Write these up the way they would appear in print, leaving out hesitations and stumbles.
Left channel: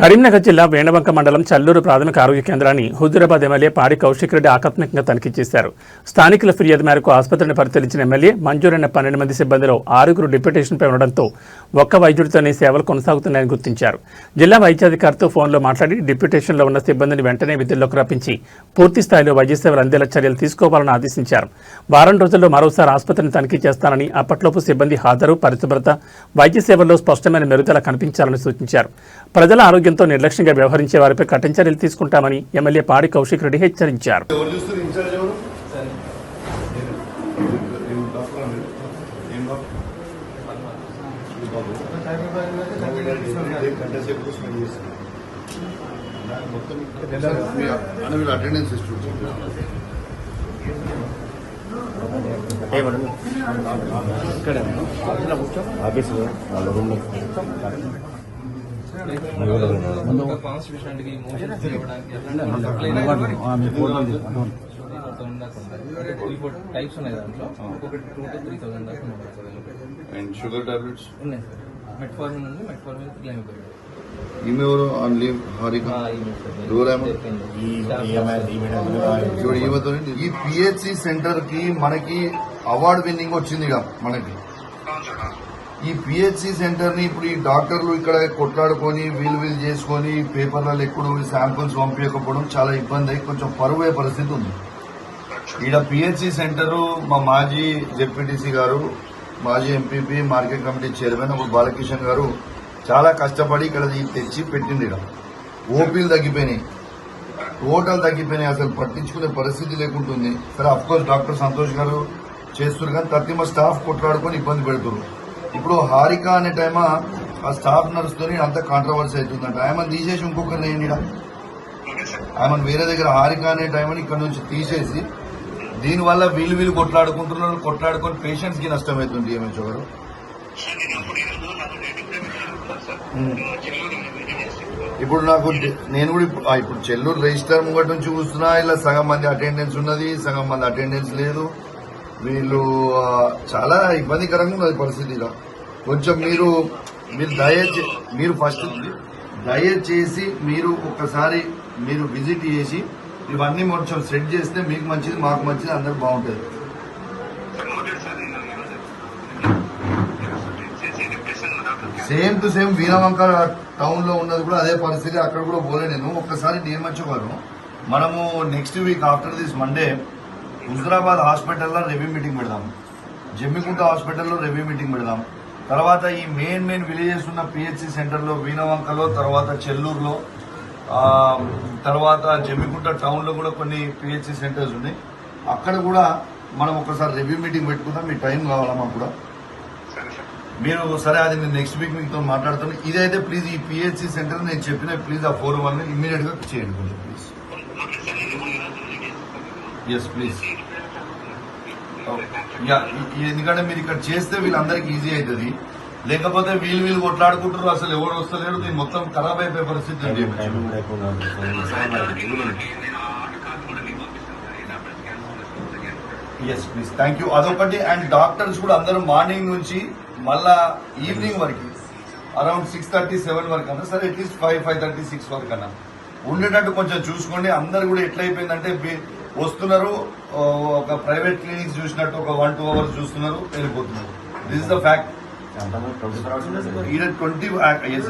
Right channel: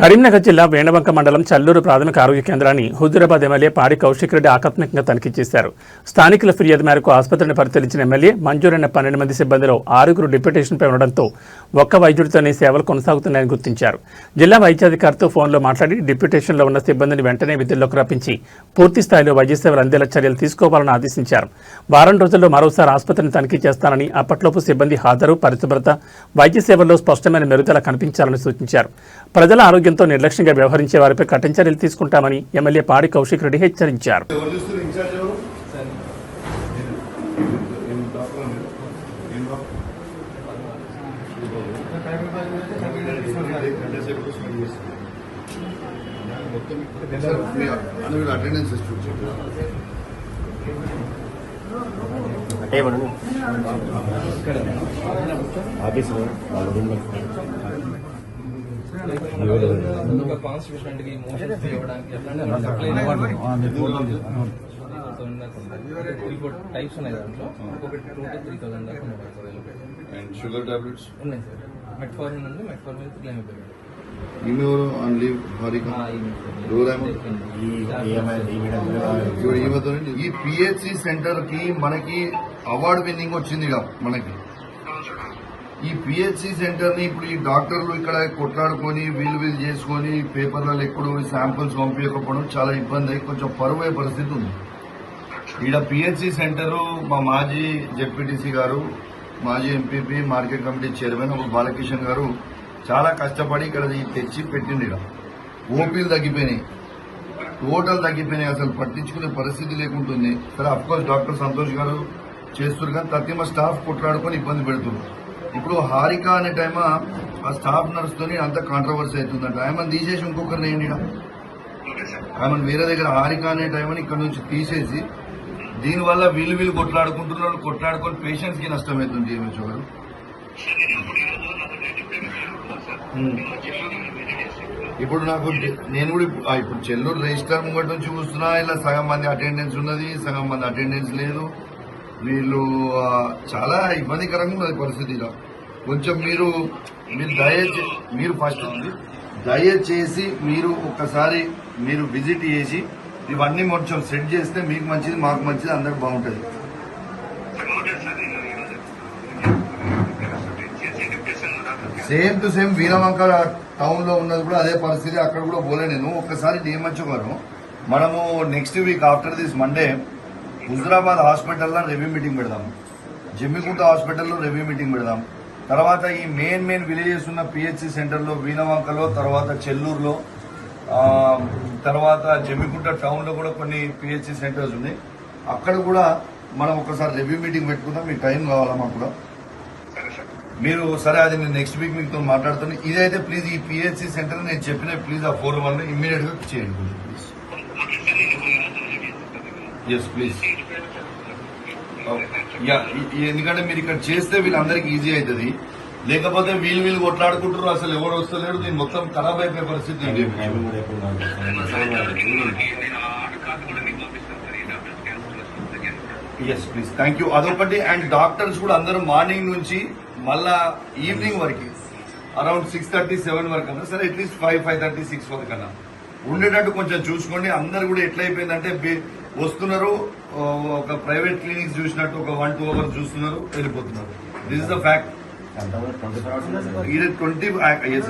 కరీంనగర్ జిల్లా వేణవంక మండలం చల్లూరు ప్రాథమిక ఆరోగ్య కేంద్రాన్ని హుజూరాబాద్ ఎమ్మెల్యే పాడి కౌశిక్ రెడ్డి ఆకస్మికంగా తనిఖీ చేశారు. స్థానికుల ఫిర్యాదు మేరకు ఆసుపత్రిని పరిశీలించిన ఎమ్మెల్యే మంజూరైన 12 మంది సిబ్బందిలో 6గురు డిప్యూటేషన్పై ఉండడంతో ఒక్క వైద్యుడితోనే సేవలు కొనసాగుతున్నాయని గుర్తించారు. జిల్లా వైద్యాధికారితో ఫోన్లో మాట్లాడి డిప్యూటేషన్లో ఉన్న సిబ్బందిని వెంటనే విధుల్లోకి రప్పించి పూర్తి స్థాయిలో వైద్య సేవలు అందేలా చర్యలు తీసుకోవాలని ఆదేశించారు. వారం రోజుల్లో మరోసారి ఆసుపత్రిని తనిఖీ చేస్తానని, అప్పట్లోపు సిబ్బంది హాజరు, పరిశుభ్రత, వైద్య సేవల్లో స్పష్టమైన మెరుగుదల కనిపించాలని సూచించారు. ప్రజల ఆరోగ్యంతో నిర్లక్ష్యంగా వ్యవహరించే వారిపై కఠిన చర్యలు తీసుకుంటామని ఎమ్మెల్యే పాడి కౌశిక్ రెడ్డి హెచ్చరించారు. టైప్స్ ఉన్నాయి దాంట్లో ఒక్కొక్కటి 2 to 3,000 దాకా అండ్ షుగర్ టాబ్లెట్స్ ఉన్నాయి సార్. మెట్ఫార్మిన్ ఉంది, మెట్ఫార్మిన్ గ్లైమిబెరిడ్. ఈమెవరు ఆన్ లీవ్ హారిక ఈ పిహెచ్సి సెంటర్ కి మనకి అవార్డు విన్నింగ్ వచ్చిందిగా. మనకి ఈ పిహెచ్సి సెంటర్ ని ఇప్పుడు ఈ డాక్టర్లు ఇక్కడ కొట్లాడుకొని వీలు చేసుకొని పేపర్లలో ఎప్పుడు శాంపుల్స్ పంపించకపోవడం చాలా ఇబ్బంది అయ్యి కొంచెం పరువే పరిస్థితి ఉంది. ఇక్కడ పిహెచ్సి సెంటర్ మా మాజీ జెడ్పీటీసీ గారు, మాజీ MPP, market committee chairman Balakishan గారు చాలా కష్టపడి ఇక్కడ తెచ్చి పెట్టింది. ఇక్కడ ఓపీలు తగ్గిపోయినాయి, ఓటలు తగ్గిపోయినాయి, అసలు పట్టించుకునే పరిస్థితి లేకుంటుంది. సరే అఫ్కోర్స్ డాక్టర్ సంతోష్ గారు చేస్తున్నారు, కానీ తక్కువ స్టాఫ్ కొట్లాడుకొని ఇబ్బంది పెడుతున్నారు. ఇప్పుడు హారిక అనే టైం ఆ స్టాఫ్ నడుస్తుంది, అంత కాంట్రవర్సీ అవుతుందంట. ఆమెను తీసేసి ఇంకొకరిని అయింది, ఆమెను వేరే దగ్గర హారిక అనే టైం అని ఇక్కడ నుంచి తీసేసి దీనివల్ల వీళ్ళు కొట్లాడుకొని పేషెంట్స్ కి నష్టమవుతుంది. ఏమేమి చూడరు. ఇప్పుడు నేను కూడా ఇప్పుడు చెల్లూరు రిజిస్టర్ ముంగట నుంచి చూస్తున్నా, ఇలా సగం మంది అటెండెన్స్ ఉన్నది, సగం మంది అటెండెన్స్ లేదు. వీళ్ళు చాలా ఇబ్బందికరంగా ఉన్నది పరిస్థితిగా. కొంచెం మీరు ఫస్ట్ దయచేసి మీరు ఒక్కసారి మీరు విజిట్ చేసి ఇవన్నీ కొంచెం సెట్ చేస్తే మీకు మంచిది, మాకు మంచిది, అందరికి బాగుంటుంది. Same to same Veeravanka town లో ఉన్నది కూడా అదే పరిస్థితి. అక్కడ కూడా పోలే నేను. ఒక్కసారి నియమించుకోను. మనము next week after this Monday Huzurabad హాస్పిటల్లో రివ్యూ మీటింగ్ పెడదాం, జమ్మికుంట హాస్పిటల్లో రివ్యూ మీటింగ్ పెడదాం. తర్వాత ఈ మెయిన్ విలేజెస్ ఉన్న పిహెచ్సి సెంటర్లో వీణవంకలో, తర్వాత చెల్లూరులో, తర్వాత జమ్మికుంట టౌన్ లో కూడా కొన్ని పిహెచ్సి సెంటర్స్ ఉన్నాయి. అక్కడ కూడా మనం ఒకసారి రివ్యూ మీటింగ్ పెట్టుకుంటాం. మీకు టైం కావాలా మాకు కూడా. మీరు సరే అది నేను నెక్స్ట్ వీక్ మీతో మాట్లాడుతాను. ఇదైతే ప్లీజ్ ఈ పిహెచ్సి సెంటర్ నేను చెప్పిన ప్లీజ్ ఆ 4-1 ఇమ్మీడియట్ గా చేయండి ప్లీజ్. Yes please. ఎందుకంటే మీరు ఇక్కడ చేస్తే వీళ్ళందరికీ ఈజీ అవుతుంది. లేకపోతే వీళ్ళు కొట్లాడుకుంటారు, అసలు ఎవరు వస్తలేడు, దీన్ని మొత్తం ఖరాబ్ అయిపోయే పరిస్థితి. Yes please, thank you. అదొకటి. అండ్ డాక్టర్స్ కూడా అందరూ మార్నింగ్ నుంచి మళ్ళా ఈవినింగ్ వరకు అరౌండ్ 6:30-7 వరకు అన్నా సరే, అట్లీస్ట్ 5:30-6 వరకు అన్నా ఉండేటట్టు కొంచెం చూసుకోండి. అందరు కూడా ఎట్లయిపోయిందంటే వస్తున్నారు, ఒక ప్రైవేట్ క్లినిక్స్ చూసినట్టు ఒక 1-2 అవర్స్ చూస్తున్నారు, వెళ్ళిపోతున్నారు. This is the fact.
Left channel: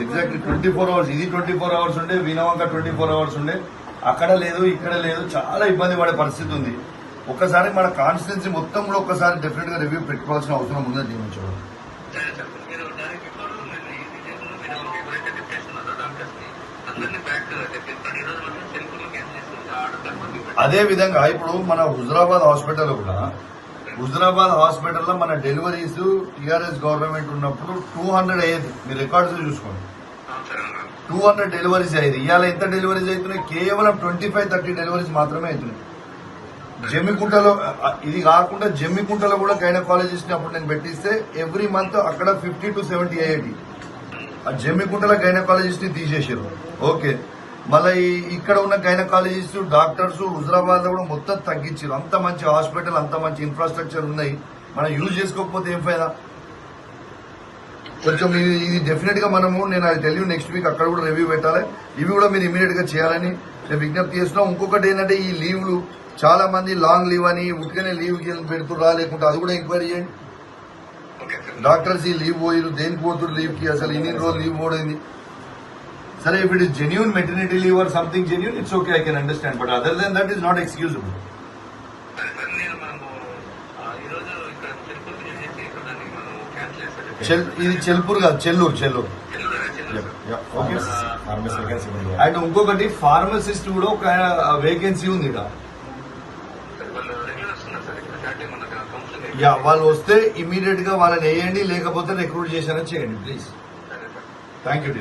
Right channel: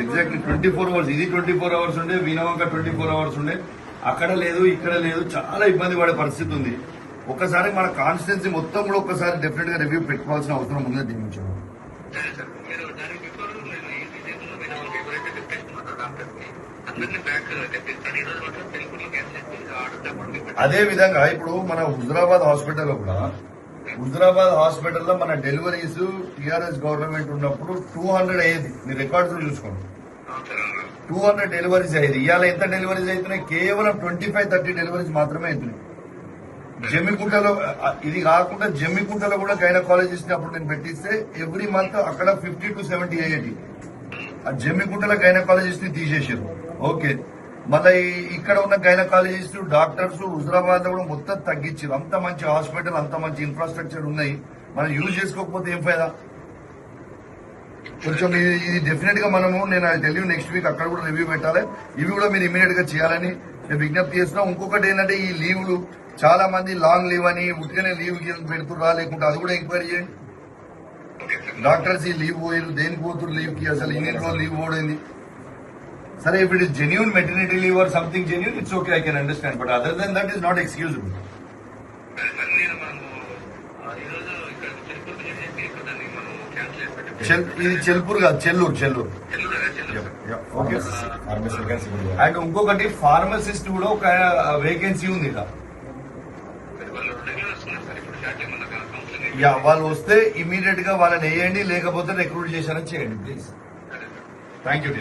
Exactly 24 hours. ఇది 24 అవర్స్ ఉండే, వీణవంక 24 అవర్స్ ఉండే. అక్కడ లేదు, ఇక్కడ లేదు, చాలా ఇబ్బంది పడే పరిస్థితి ఉంది. ఒక్కసారి మన కాన్స్టిట్యున్సీ మొత్తం కూడా ఒక్కసారి డెఫినెట్ గా రివ్యూ పెట్టుకోవాల్సిన అవసరం ఉన్నది. నియమించడం అదే విధంగా ఇప్పుడు మన హుజూరాబాద్ హాస్పిటల్లో కూడా, హుజూరాబాద్ హాస్పిటల్లో మన డెలివరీస్ టీఆర్ఎస్ గవర్నమెంట్ ఉన్నప్పుడు 200 అయ్యేది. మీరు రికార్డ్స్ చూసుకోండి, 200 డెలివరీస్ అయ్యేది. ఇవాళ ఎంత డెలివరీస్ అవుతున్నాయి? కేవలం 25-30 డెలివరీస్ మాత్రమే అవుతున్నాయి. జమ్మికుంటలో ఇది కాకుండా జమ్మికుంటలో కూడా గైనకాలజిస్ట్ అప్పుడు నేను పెట్టిస్తే ఎవ్రీ మంత్ అక్కడ 50 to 70 అయ్యేది. ఆ జమ్మికుంటలో గైనకాలజిస్ట్ ని తీసేసారు. ఓకే, మళ్ళీ ఇక్కడ ఉన్న గైనకాలజిస్ట్ డాక్టర్స్ హుజూరాబాద్ లో కూడా మొత్తం తగ్గించారు. అంత మంచి హాస్పిటల్, అంత మంచి ఇన్ఫ్రాస్ట్రక్చర్ ఉన్నాయి, మనం యూజ్ చేసుకోకపోతే ఏం ఫైదా? కొంచెం ఇది డెఫినెట్ గా మనము నేను అది తెలియ నెక్స్ట్ వీక్ అక్కడ కూడా రివ్యూ పెట్టాలి. ఇవి కూడా మీరు ఇమీడియట్ గా చేయాలని నేను విజ్ఞప్తి చేస్తున్నాం. ఇంకొకటి ఏంటంటే ఈ లీవ్లు చాలా మంది లాంగ్ లీవ్ అని ఉట్టిగానే లీవ్ పెడుతురా లేకుంటే అది కూడా ఎంక్వైరీ చేయండి. డాక్టర్స్ ఈ లీవ్ పోయారు దేనికి పోతురు లీవ్ కి అసలు ఇన్ని రోజులు లీవ్ పోయింది. సరే if it is genuine maternity leave or something genuine it's okay I can understand but other than that is not excusable. ఇది చెల్పూర్ కాదు చెల్లూరు. ఓకే. అండ్ ఇంకొకటి ఫార్మసిస్ట్ కూడా ఒక వేకెన్సీ ఉంది ఇక్కడ. వాళ్ళు వస్తే ఇమీడియట్ గా వాళ్ళని వేయండి, లేకపోతే రిక్రూట్ చేశారని చేయండి ప్లీజ్. Thank you.